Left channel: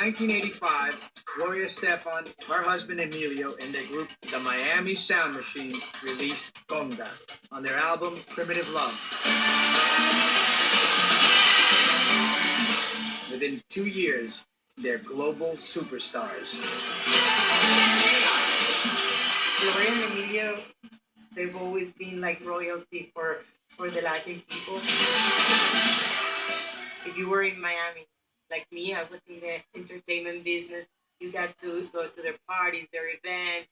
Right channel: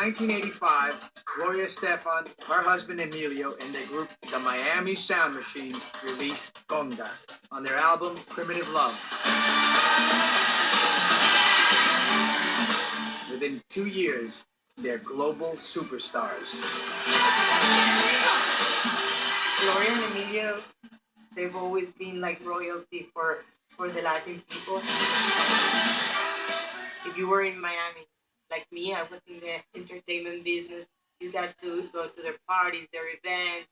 1985, Gloria Estefan, her husband Emilio, and their group, the Miami Sound Machine, released Conga on their album Primitive Love. Within 2 years, they're global superstars. Gloria and Emilio, they've always been like royalty for the Latin people. If you were in Miami, like me, I was in the entertainment business. You got to go to their parties, their events,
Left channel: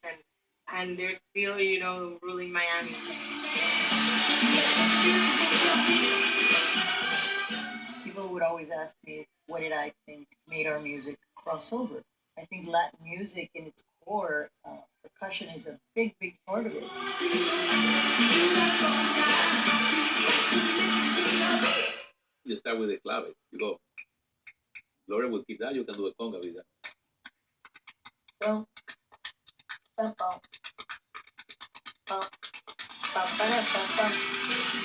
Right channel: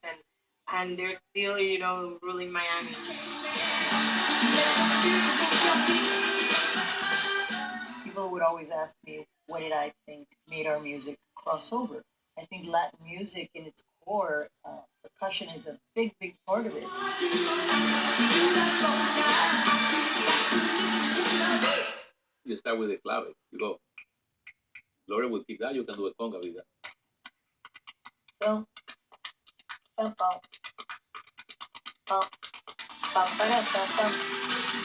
and they're still, ruling Miami. People would always ask me, what did I think made our music cross over? I think Latin music in its core, percussion is a big, big part of it. You start with the clave. You go. Gloria will keep that. You can do a conga with that. Bum, bum, bum, bum, bum, ba-da, bum, bum,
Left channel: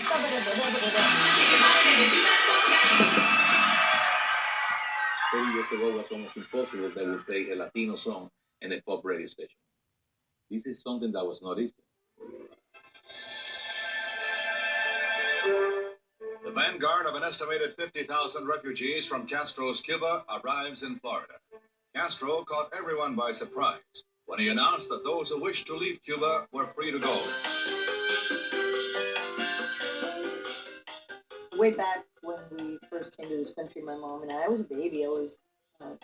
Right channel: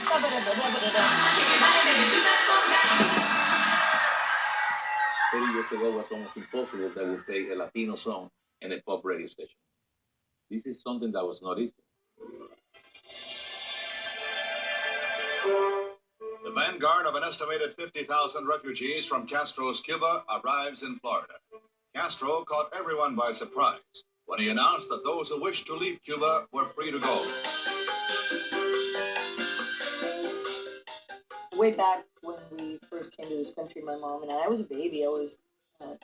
ba-ba-da-ba-da-ba-da-da. 30 years ago, it was almost impossible that would play a Latino song in a pop radio station. This is something that was not easy. The vanguard of an estimated 50,000 refugees from Castro's Cuba arrives in Florida. Castro caught everyone by surprise when he announced that those who wished to leave Cuba were free to go. Way back when we first came to this country, my mom and I was a baby. I was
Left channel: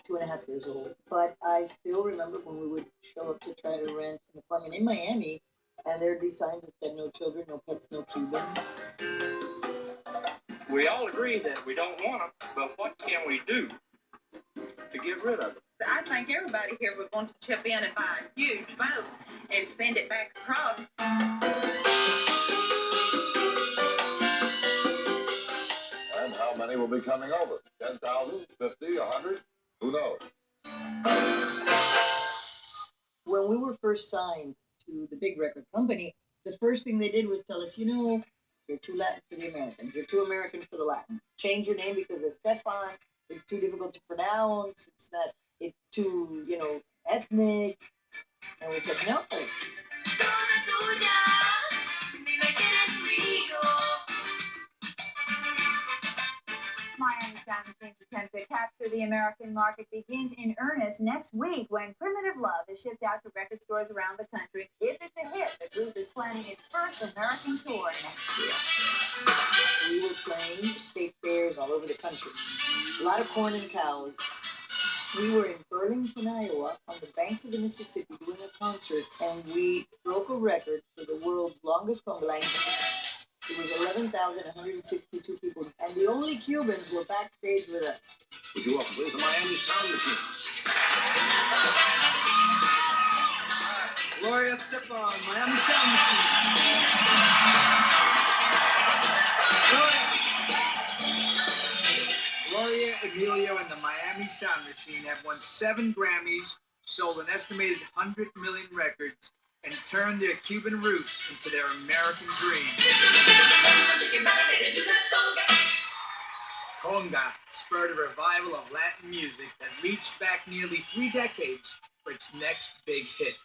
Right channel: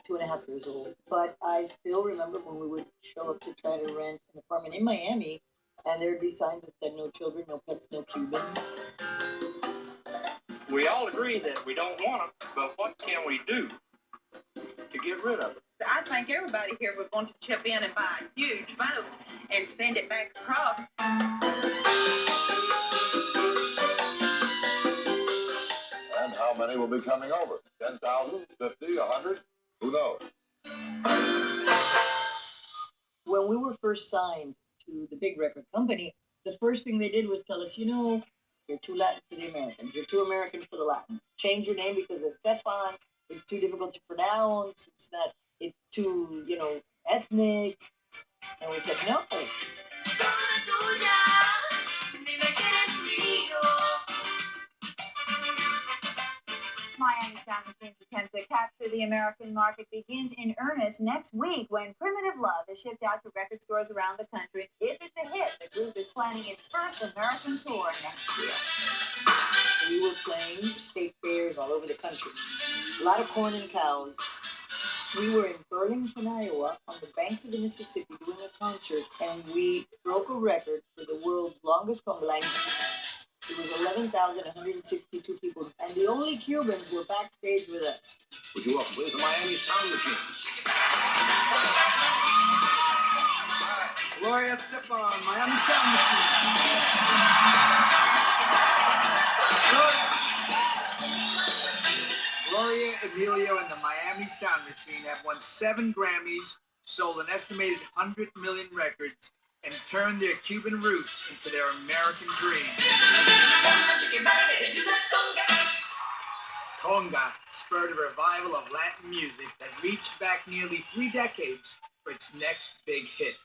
2.5 years old. But I still remember when we would show up to try to rent an apartment in Miami, and there would be signs that said no children, no pets, no Cubans. We all agree that we don't want them, but what can we do to get rid of them? I think everybody here would want to chip in and buy a huge boat and send it back across. And how many will be coming over? 10,000, 50, 100? Who knows? When we were first signed to the big record company, the first thing they did was tell us, you're too Latin for the Americans. You're too American for the Latins. Change your name because Estefan is too difficult to pronounce. It's too, ethnic. And we said, no. Miami Sound Machine's attempt to capture the American market begins in earnest next week when Primitive Love is shipped out to record stores around the country. If it's a hit, the group is planning its first American tour next year. We were playing state fairs all over the country. A lot of corn and cows. We were in Burlington, Iowa, on the banks of the Mississippi doing a concert, and we broke a record for the world's longest conga line. It was 11,162 people, and the only Cubans were backstage with us. Would you welcome, please, the Miami Sound Machine? Gloria Estefan, Miami Sound Machine. Gloria, Emilio, and the Miami Sound Machine have won 7 Grammys, sold an estimated 100 million records, and turned their Cuban roots into their American dream. Conga spurred a revival of Latin music that reached back nearly 3 decades for its next big hit.